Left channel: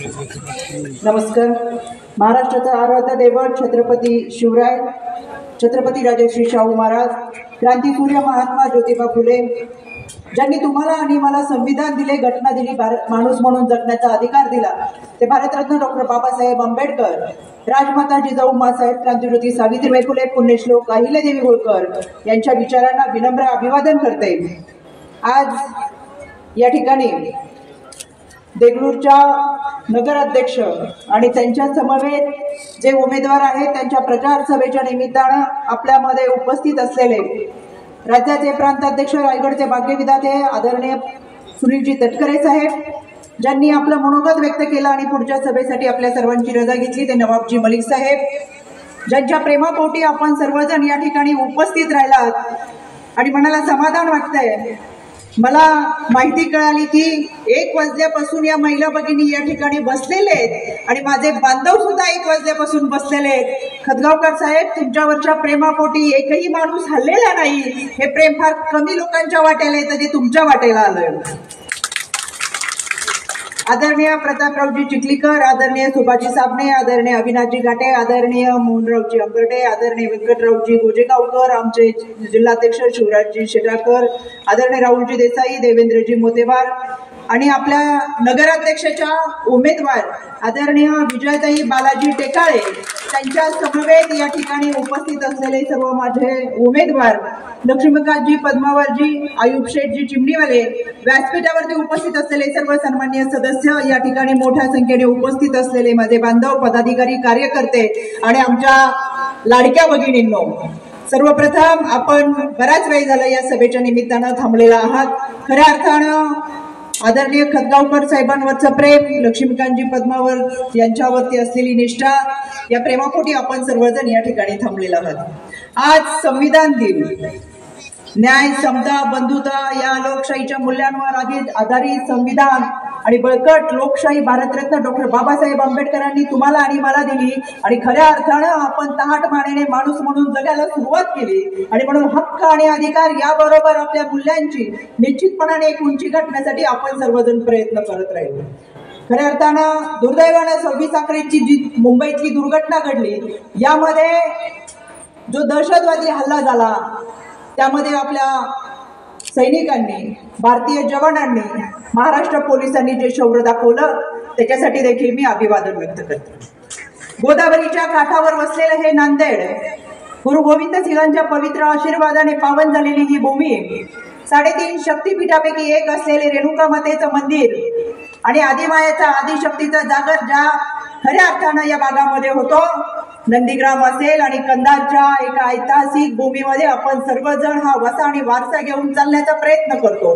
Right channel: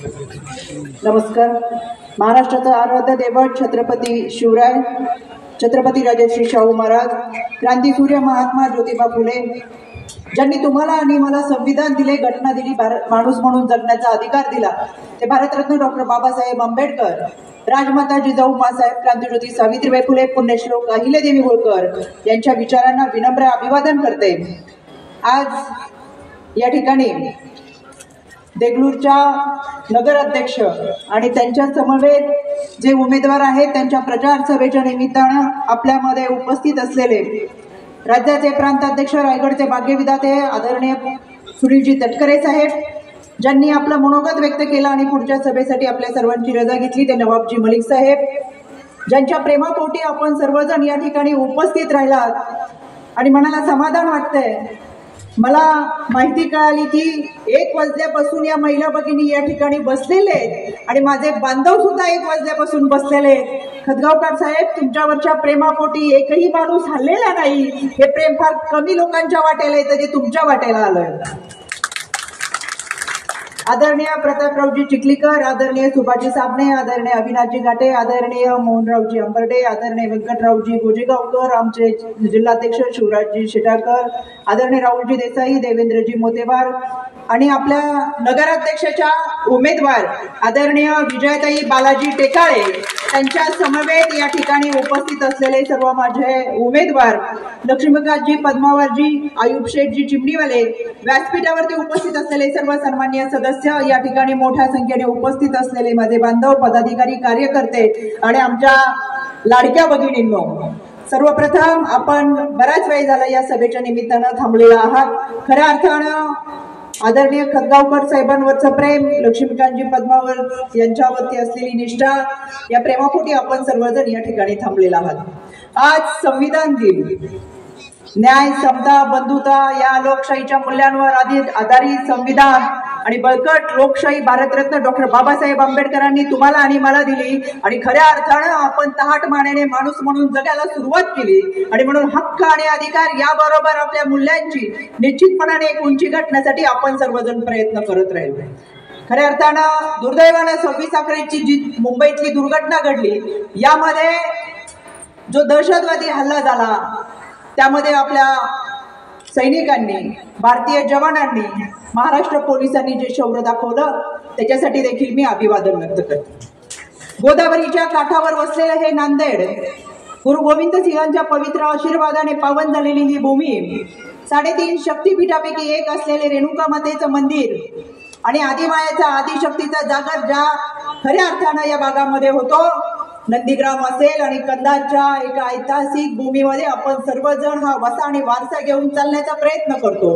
नमस्कार. महाराष्ट्राचा आराध्य दैवत छत्रपती शिवराय, छत्रपती राजश्री शाहू महाराज, क्रांतीसूर्य महात्मा ज्योतिबा फुले, ज्यांनी तुम्हाला आणि मला संविधान दिले, घटना दिली, माणूस म्हणून जगण्याचा अधिकार दिला, ते भारतरत्न डॉक्टर बाबासाहेब आंबेडकर, राजमाता जिजाऊ माँसाहेब, क्रांतिज्योती सावित्रीबाई फुले, पुण्यश्लोक अहिल्यादेवी होळकर यांच्या विचारांना विनम्र अभिवादन करते. आज या ठिकाणी देगलूरच्या नगराध्यक्ष आणि त्यांच्या समवेत जे उमेदवार आहेत त्यांच्या प्रचार सभेच्या निमित्तानं आपल्यामध्ये उपस्थित असलेले राज्याचे प्रांताध्यक्ष, रायगडचे भाग्यविधाते आदरणीय सुनीलजी तटकरे साहेब, ज्यांनी आपलं मनोगत व्यक्त केलं आणि पुढच्या सभेसाठी आपल्या सर्वांची रजा घेतली, ते नवाबजी मलिक साहेब, ज्यांच्या प्रेमापोटी आपण सर्वजण या ठिकाणी उपस्थित राहिलात आणि मनाला समाधान वाटतंय. मला माहिती कळाली की 1 वाजल्यापासून या महिला भगिनी या ठिकाणी बसलेले आहेत आणि माझे बांधव सुद्धा 1 वाजल्यापासून बसलेले आहेत. खतगावकर साहेब, तुमच्यावरच्या प्रेमापोटी एकही माणूस हल्लेला नाही. हे प्रेम फार कमी लोकांच्या वाट्याला येतं जे तुमच्या वाट्याला आलंय. आदरणीय प्रतापरावजी चिखलीकर, आदरणीय सुभाजी साबणे, आदरणीय अविनाशजी घाटे, आदरणीय मोहनरावजी अंबर्डे, आदरणीय व्यंकटरावजी गोजेगावकर, आमचे जिल्हाध्यक्ष शिवराजजी शेटाकर, आदरणीय राहुलजी देसाई, देवेंद्रजी मोतेवार आणि आपल्या नगराध्यक्षाच्या उमेदवार आदरणीय विजयताई बालाजी टेकाळे, त्यांच्या समवेत या ठिकाणी उपस्थित असलेले सर्व माझे उमेदवार, लक्ष्मीकांतजी पद्मावरजी, आयुब शेठजी चिमणीवाले, व्यासपीठावरती उपस्थित असलेले सर्व सन्माननीय सदस्य, या ठिकाणी मोठ्या संख्येने उपस्थित असलेले माझे बांधव, पदाधिकारी, कार्यकर्ते आणि आमच्या लाडक्या भगिनींनो, सर्वप्रथम आपण बराच वेळ झाला या सभेच्या निमित्तानं थांबलेला आहात. खऱ्या अर्थानं आदरणीय खतगावकर साहेबांवरचं प्रेम, लक्ष्मीकांतजी पद्मावर यांच्यावरती असलेली निष्ठा, या प्रेमापोटी आपण सर्वजण या ठिकाणी थांबलेला आहात. आज संविधान दिन, न्याय, समता, बंधुता या लोकशाहीच्या मूल्यांवर आधारित संविधान आणि बळकट लोकशाही भारतरत्न डॉक्टर बाबासाहेब आंबेडकरांनी तुम्हाला आणि मला दिली आणि खऱ्या अर्थानं आपण तहाट मानेने माणूस म्हणून जगायला सुरुवात केली आणि म्हणून हक्क आणि अधिकार याबरोबर आपल्या मूल्यांची निश्चितपणाने एक उंची गाठण्यासाठी आपण सर्वजण प्रयत्न करत राहिलो. खऱ्या अर्थानं दुर्दैवानं 26 अकराची जी मुंबईतली दुर्घटना घडली, यामध्ये जो दहशतवादी हल्ला झाला त्यामध्ये आपल्या सैनिकांनी, भारतीय जवानांनी, महाराष्ट्र पोलिसांनी जे शौर्य दाखवलं त्याच्यासाठी देखील मी अभिवादन व्यक्त करते. गोदावरीच्या काठावर वसलेले हे नांदेड, गुरु गोविंद सिंहांच्या पवित्र आशीर्वादाने पावन झालेली ही भूमी, 3.5 शक्तीपीठापैकी एक असलेले रेणुका मातेचं मंदिर आणि आदिमायाचा, आदिशक्तीचा जागर ज्या खऱ्या अर्थानं या भागामध्ये होतो, नंदीग्राम असेल आणि कंधारच्या एका ऐतिहासिक भूमीमध्ये आपण सर्वजण हा वसा आणि वारसा घेऊन चालण्याचा प्रयत्न करतो.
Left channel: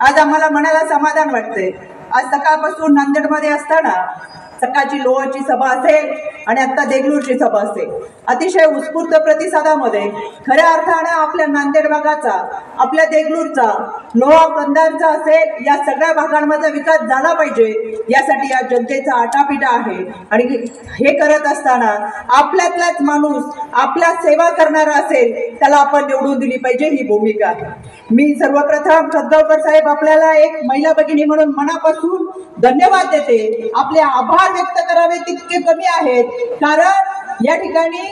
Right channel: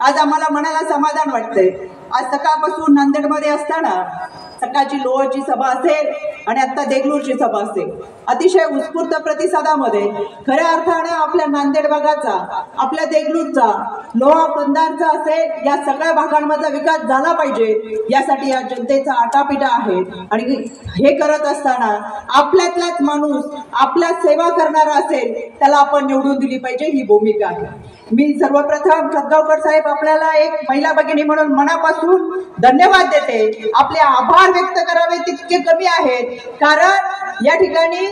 आज आम्हाला मनाला समाधान वाटतंय. आज सकाळपासून नांदेडमध्ये असताना सकाळची लोहाची सभा असेल आणि आता देगलूरची सभा असेल, अतिशय उत्स्फूर्त प्रतिसादामध्ये खऱ्या अर्थानं आपल्या नांदेड भागाचा, आपल्या देगलूरचा, लोहा, कंधारचा असेल, या सगळ्या भागांमध्ये विकास झाला पाहिजे यासाठी या जनतेचा आटापिटा आहे. आणि हे करत असताना आपल्यातलाच माणूस आपल्या सेवा करणारा असेल त्याला आपण निवडून दिली पाहिजे, ही भूमिका आहे. मी सर्वप्रथम खतगावकर साहेब आपल्याला एक महिला भगिनी म्हणून मनापासून धन्यवाद देते. आपले आभार व्यक्त करावे तितके कमी आहेत, कारण या ठिकाणी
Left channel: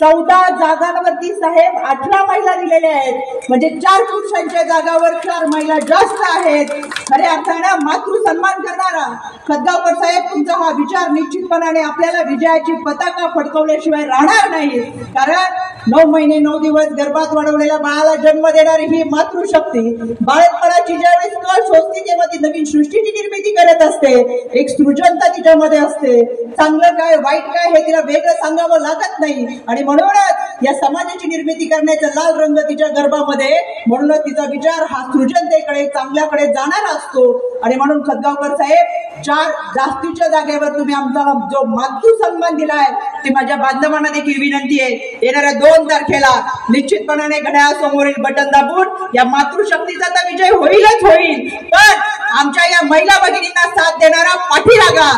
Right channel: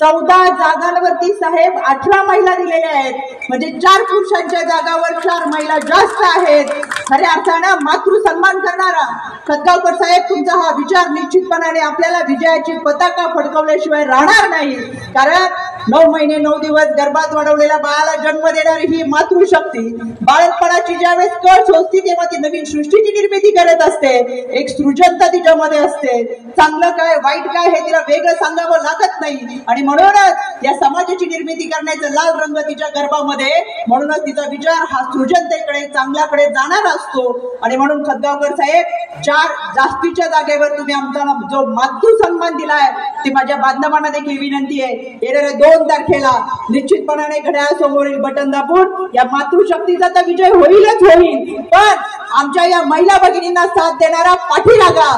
14 जागांवरती साहेब 18 महिला दिलेल्या आहेत, म्हणजे 4 पुरुषांच्या जागावर 4 महिला जास्त आहेत. खऱ्या अर्थानं मातृ सन्मान करणारा खतगावकर साहेब, तुमचा हा विचार निश्चितपणाने आपल्याला विजयाची पताका फडकवल्याशिवाय राहणार नाही. कारण 9 महिने 9 दिवस गर्भात वाढवलेल्या बाळाला जन्म देणारी ही मातृशक्ती बाळपणाची ज्यावेळेस कळ शोधते तेव्हा ती नवीन सृष्टीची निर्मिती करत असते. एक सृजनता तिच्यामध्ये असते. चांगलं काय वाईट काय हे तिला वेगळं सांगावं लागत नाही आणि म्हणूनच या समाजाची निर्मिती करण्याचा लाल रंग तिच्या गर्भामध्ये, म्हणूनच तिचा विचार हा सृजनतेकडे, चांगल्याकडे जाणारा असतो. आणि म्हणून खतगावकर साहेब, 4 जास्तीच्या जागेवर तुम्ही आमचा जो मातृ सन्मान दिलाय ते माझ्या बांधवांना देखील विनंती आहे, येणाऱ्या 2 तारखेला निश्चितपणाने घड्याळासमोरील बटन दाबून या मातृशक्तीचा तर विजय होईलच होईल, पण आमच्या या महिला भगिनींना साथ देणारा पाठीरागा.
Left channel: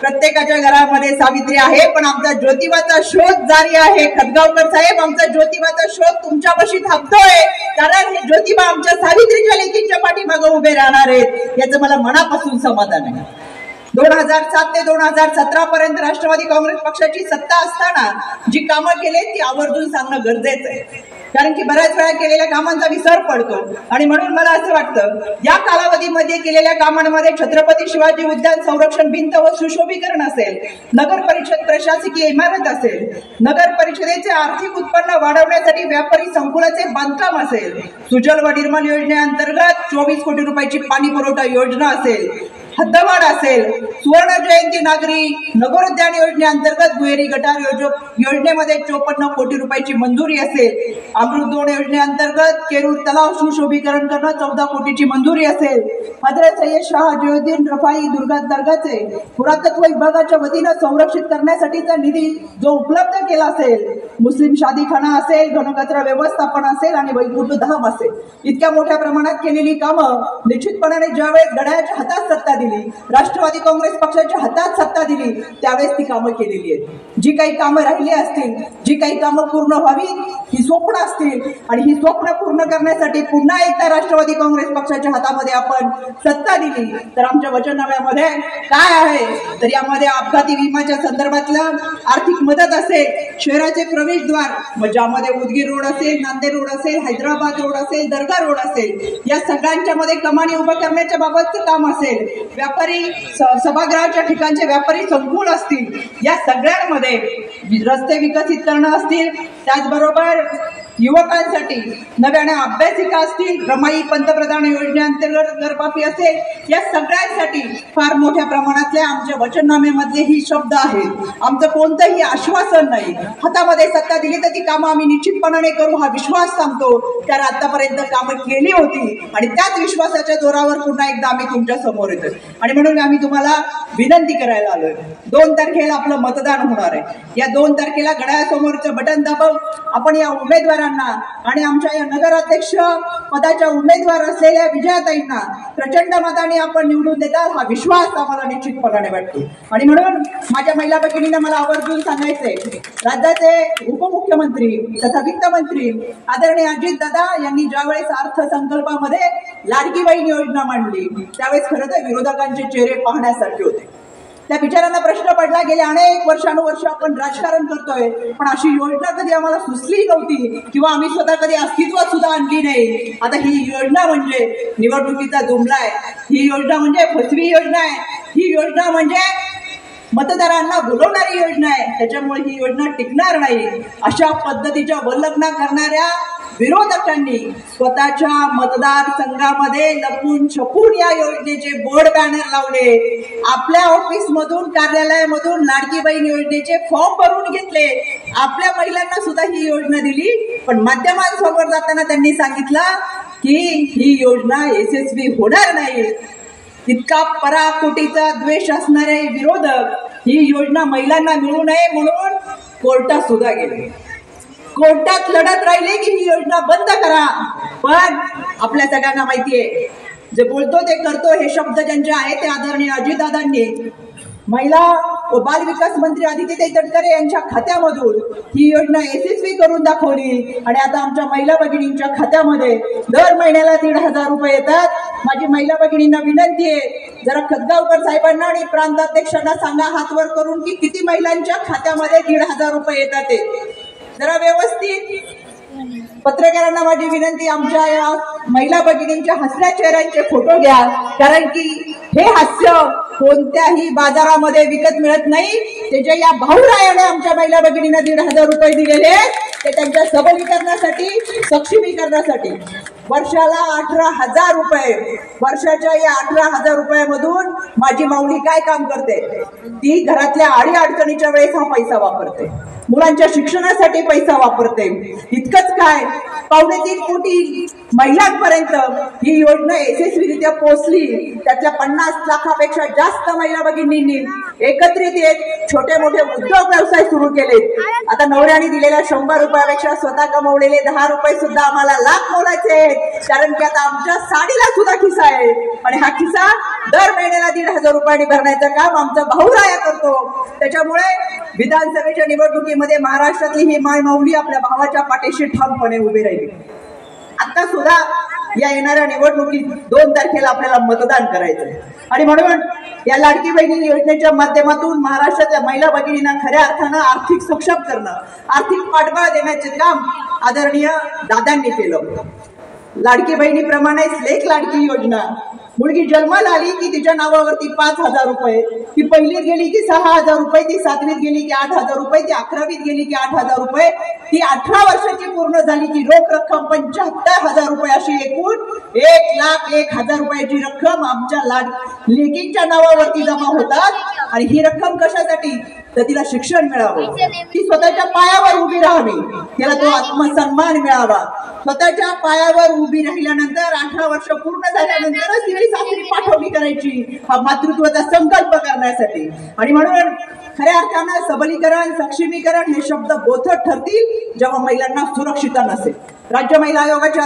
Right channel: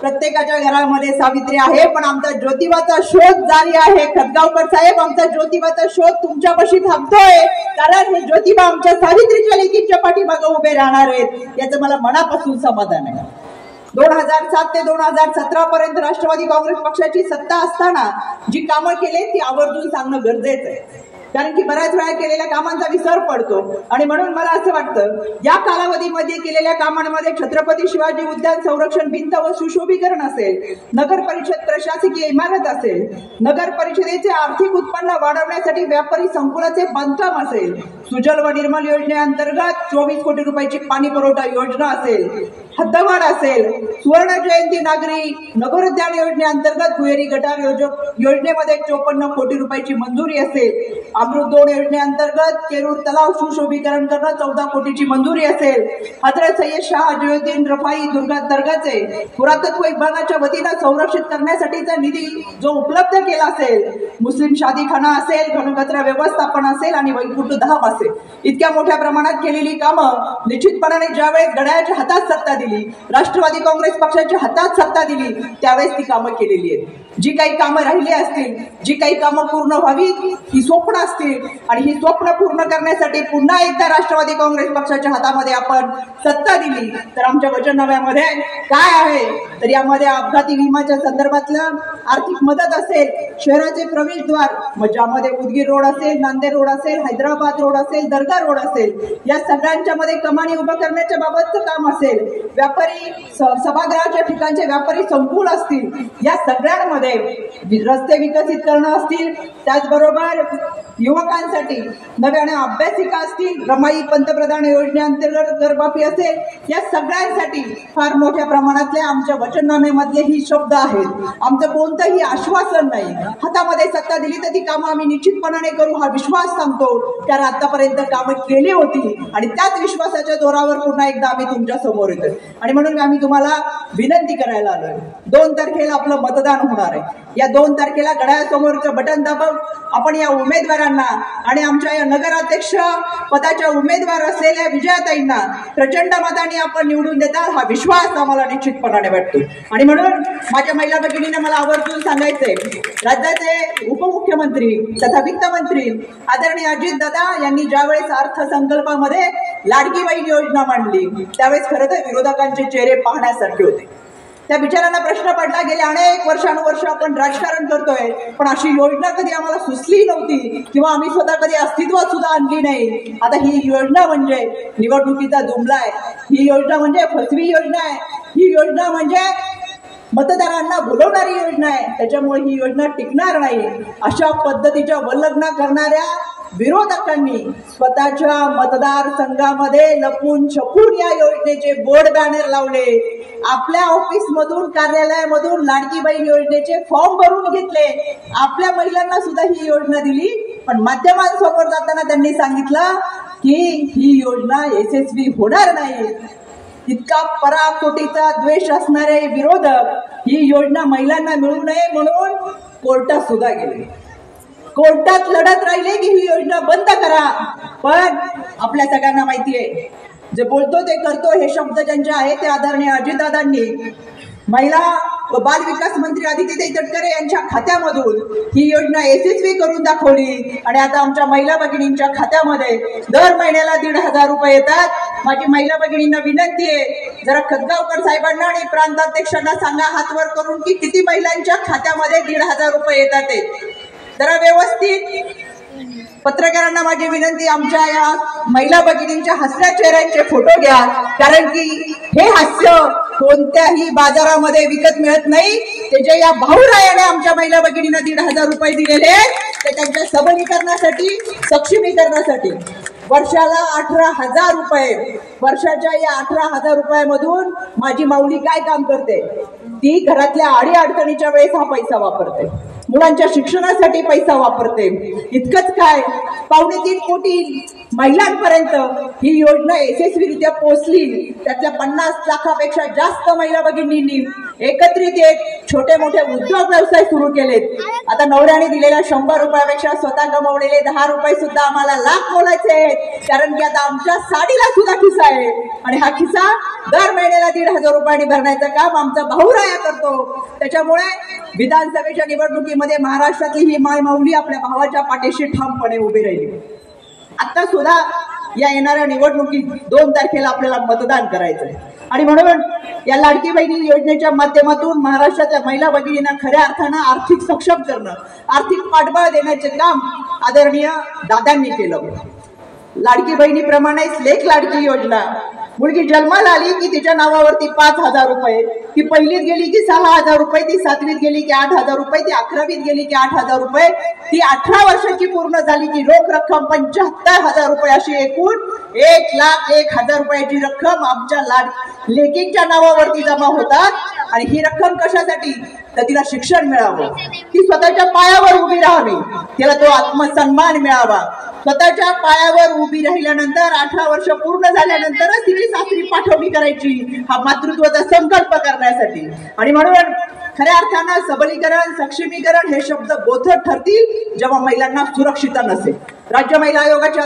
प्रत्येकाच्या घरामध्ये सावित्री आहे, पण आमचा ज्योतिबाचा शोध जारी आहे. खतगावकर साहेब, आमचा ज्योतिबाचा शोध तुमच्यापाशी थांबतोय, कारण हे ज्योतिबा आमच्या सावित्रीच्या लेकींच्या पाठीमागे उभे राहणार आहेत, याचं मला मनापासून समाधान आहे. 2007 ते 2017 पर्यंत राष्ट्रवादी काँग्रेस पक्षाची सत्ता असताना जी कामं केली ती आवर्जून सांगणं गरजेचं आहे, कारण की बऱ्याच वेळा केलेल्या कामांचा विसर पडतो. आणि म्हणून मला असं वाटतं या कालावधीमध्ये केलेल्या कामांमध्ये छत्रपती शिवाजी उद्यान संरक्षण भिंत व सुशोभीकरण असेल, नगर परिषद प्रशासकीय इमारत असेल, नगर परिषदेचे आर्थिक उत्पन्न वाढवण्यासाठी व्यापारी संकुलाचे बांधकाम असेल, सुजल व निर्मल योजनेअंतर्गत 24 कोटी रुपयाची पाणी पुरवठा योजना असेल, हद्दवाढ असेल, सुवर्ण जयंती नागरी नगरोद्यान योजनेअंतर्गत दुहेरी गटार योजनेमध्ये 54 कोटी रुपयाची मंजुरी असेल, अमृत 2 योजनेअंतर्गत केरूर तलाव सुशोभीकरण करणं 14 कोटीची मंजुरी असेल, हजरत सय्यद शाह जयुद्दीन रफाई दुर्गा दर्गाचे पुरातत्व विभागाच्या वतीनं संरक्षित करण्यासाठीचा निधी जो उपलब्ध केला असेल, मुस्लिम शादीखाना असेल, घनकचरा व्यवस्थापन असेल आणि वैकुंठ धाम असेल, इतक्या मोठ्या प्रमाणात केलेली कामं निश्चितपणाने ज्यावेळेस घड्याळाच्या हातात सत्ता दिली, राष्ट्रवादी काँग्रेस पक्षाच्या हातात सत्ता दिली, त्यावेळेस ती कामं केलेली आहेत. जी काही कामं राहिली असतील, जी काही कामं पूर्ण व्हावी ही स्वप्न असतील आणि ही स्वप्न पूर्ण करण्यासाठी पुन्हा एकदा राष्ट्रवादी काँग्रेस पक्षाच्या हातामध्ये आपण सत्ता दिली तर आमच्या वचननाम्यामध्ये काय आहे तर यामध्ये अपघाती विम्याच्या संदर्भातलं आर्थिक मदत असेल, शहराचे प्रवेशद्वार ज्यामध्ये उदगीर रोड असेल, नांदेड रोड असेल, हैदराबाद रोड असेल, दर्गा रोड असेल, या सगळ्यांच्या मध्ये कमानी उभं करण्याच्या बाबतचं काम असेल, व्यापारी सभागृहाच्या ठिकाणचे व्यापारी संकुल असतील, या सगळ्यांमध्ये रस्ते विकसित करणं असतील, त्याचबरोबर युवकांसाठी नव्याने अभ्यासिका असतील, रमाई पंतप्रधान योजनेअंतर्गत करमाफी असेल, या सगळ्यांसाठी फार मोठ्या प्रमाणातले आमच्या वचननाम्यामधले ही शब्द आहेत. आमचं कोणतंही आश्वासन नाही. हातामध्ये सत्ता दिली तर ती कामं आम्ही निश्चितपणाने करू हा विश्वास सांगतो, कारण आतापर्यंत कामं केली होती आणि त्याच विश्वासाच्या जोरावर पुन्हा एकदा आम्ही तुमच्या समोर येतो. आणि म्हणून आम्ही तुम्हाला विनंती करायला आलोय, 2 तारखेला आपलं मतदान होणार आहे. या 2 तारखेला घड्याळासमोरचं बटन दाबून आपण या उमेदवारांना आणि आमच्या या नगराध्यक्ष पदाच्या उमेदवार असलेल्या विजयाताईंना प्रचंड मताने आपण निवडून देताल हा विश्वास आम्हाला निश्चितपणाने वाटतो. आणि म्हणून माझ्या महिला भगिनींना मला आवर्जून सांगायचंय, राज्याचे उपमुख्यमंत्री तथा वित्तमंत्री आदरणीय अजितदादा यांनी ज्यावेळेस अर्थसंकल्पामध्ये लाडकी बहीण योजना मांडली त्यावेळेस खरं तर विरोधकांचे चेहरे पाहण्यासारखे होते. त्या बिचारांना प्रश्न पडला, गेले अनेक वर्षानुवर्ष आपण राजकारण करतोय पण अशी योजना कधी आम्हाला सुचली नव्हती किंवा आम्ही स्वतः कधी अस्तित्वात सुद्धा आणली नाही. आता ही योजना म्हणजे निवडणुकीचा जुमला आहे, ही योजना म्हणजे फसवी योजना आहे, ही योजना म्हणजे मतदारांना बोलवणारी योजना आहे, त्याच्यामुळे ही योजना टिकणार नाही. अशा पद्धतीच्या वल्लग्ना करणाऱ्या विरोधकांनी स्वतःच्या मतदारसंघामध्ये लपून छपून या योजनेचे बोर्ड बॅनर लावले, आपल्या ऑफिस मधून कार्यालयामधून लाडकी बहीण योजनेचे फॉर्म भरून घेतले, आपल्या महिलांना सुद्धा ही योजना दिली. पण माध्यमांसमोर जाताना त्यांनी सांगितलं की ही योजना यशस्वी होणार नाही. इतका पराकोटीचा द्वेष असणारे विरोधक ही योजना महिलांना मिळू नये म्हणून कोर्टात सुद्धा गेले, कोर्टात लढत राहिले की ही योजना बंद करा. पण आपल्या सगळ्यांना माहिती आहे, जे बोलतो ते करतो हे शब्द ज्यांचे आहेत ते आदरणीय अजितदादांनी महिला व बाल विकास मंत्री आदित्यताई तटकरे यांच्या खात्यामधून ही योजना यशस्वी करून दाखवली. आणि आता आमच्या महिला भगिनींच्या खात्यामध्ये दर महिन्याला 1,500 रुपये येतात. माझी महिला भगिनींना विनंती आहे, जरा खतगावकर साहेबांना आणि प्रांताध्यक्षांना सांगा हातवर करून की किती महिलांच्या खात्यामध्ये 1,500 रुपये येतात ते जरा व्यवस्थित. पत्रकारांना माझी विनंती, आमच्या या महिला भगिनींच्या हसऱ्या चेहऱ्यांचे फोटो घ्या, कारण की हे हास्य कोणत्याही बाजारामध्ये विकत मिळत नाही. ते जे या भाऊरायाने आमच्या महिला भगिनींना 1,500 रुपये दिलेले ते त्यांच्या सबलीकरणासाठी, सक्षमीकरणासाठी. वर्षाला 18,000 रुपये, वर्षाच्या या 18,000 रुपयामधून माझी माऊली काय काम करते, ती घरातल्या आडी अडचणीच्या वेळेस हा पैसा वापरते, मुलांच्या शिक्षणासाठी पैसा वापरते. इतकंच काय, 2.25 कोटी महिलांपर्यंत ही योजना यशस्वीरित्या पोहोचली. त्यातल्या 50 लाखापेक्षा जास्त महिला भगिनींनी एकत्रित येत छोटे मोठे उद्योग व्यवसाय सुरू केलेत. आता नवऱ्याने दिलेल्या 100 रुपयापेक्षा स्वतः कमवलेले 10 रुपये सुद्धा आम्हाला लाख मोलाचे आहेत, कारण की आता आमच्या साडीला सुद्धा खिसा आहे आणि हा खिसा दर महिन्याला 1,500 रुपयांनी भरण्याचं काम आमचा भाऊराया करतो. त्याच्यामुळे विधानसभेच्या निवडणुकीमध्ये महाराष्ट्रातली ही माय माऊली आपल्या भावाच्या पाठीशी ठामपणे उभी राहिली. आता सुद्धा या येणाऱ्या निवडणुकीत 2 तारखेला आपल्याला मतदान करायचं आहे। आणि म्हणून या लाडकी बहिणी योजनेच्या माध्यमातून महाराष्ट्राच्या महिला भगिनींना खऱ्या अर्थानं आर्थिक सक्षम करणं, आर्थिक पाठबळ देण्याचे काम आदरणीय दादांनी केलं। लाडकी बहिणीप्रमाणेच लेक लाडकी योजना, मुलगी जन्माला आली की तिच्या नावावरती 5,000 रुपये, ती पहिलीत गेली की 6,000 रुपये, ती 7वीत गेली की 8,000 रुपये, ती 11वीत गेली की 8,000 रुपये, ती 18 वर्षाची पूर्ण झाली की रोख रक्कम 75,000 रुपये, अशी एकूण 1,01,000 रुपयाची रक्कम आमच्या लेकींच्या नावावरती जमा होतात। आणि ही रक्कम कशासाठी? तर तिला शिक्षण मिळावं, ती स्वतःच्या पायावर उभी राहावी, तिला तो आत्मसन्मान मिळावा। स्वतःच्या पायावर उभी राहिल्यानंतर 18 वर्ष पूर्ण झाल्यानंतरच तिने सासरी पाठवणी करायची, हा मातृत्वाचा संकल्प करण्यासाठी। आणि म्हणून खऱ्या अर्थानं सबलीकरण, सक्षमीकरण हे शब्द बोथट ठरतील जेव्हा महिलांना सुरक्षितता नसेल। राज्य महिला आयोगाच्या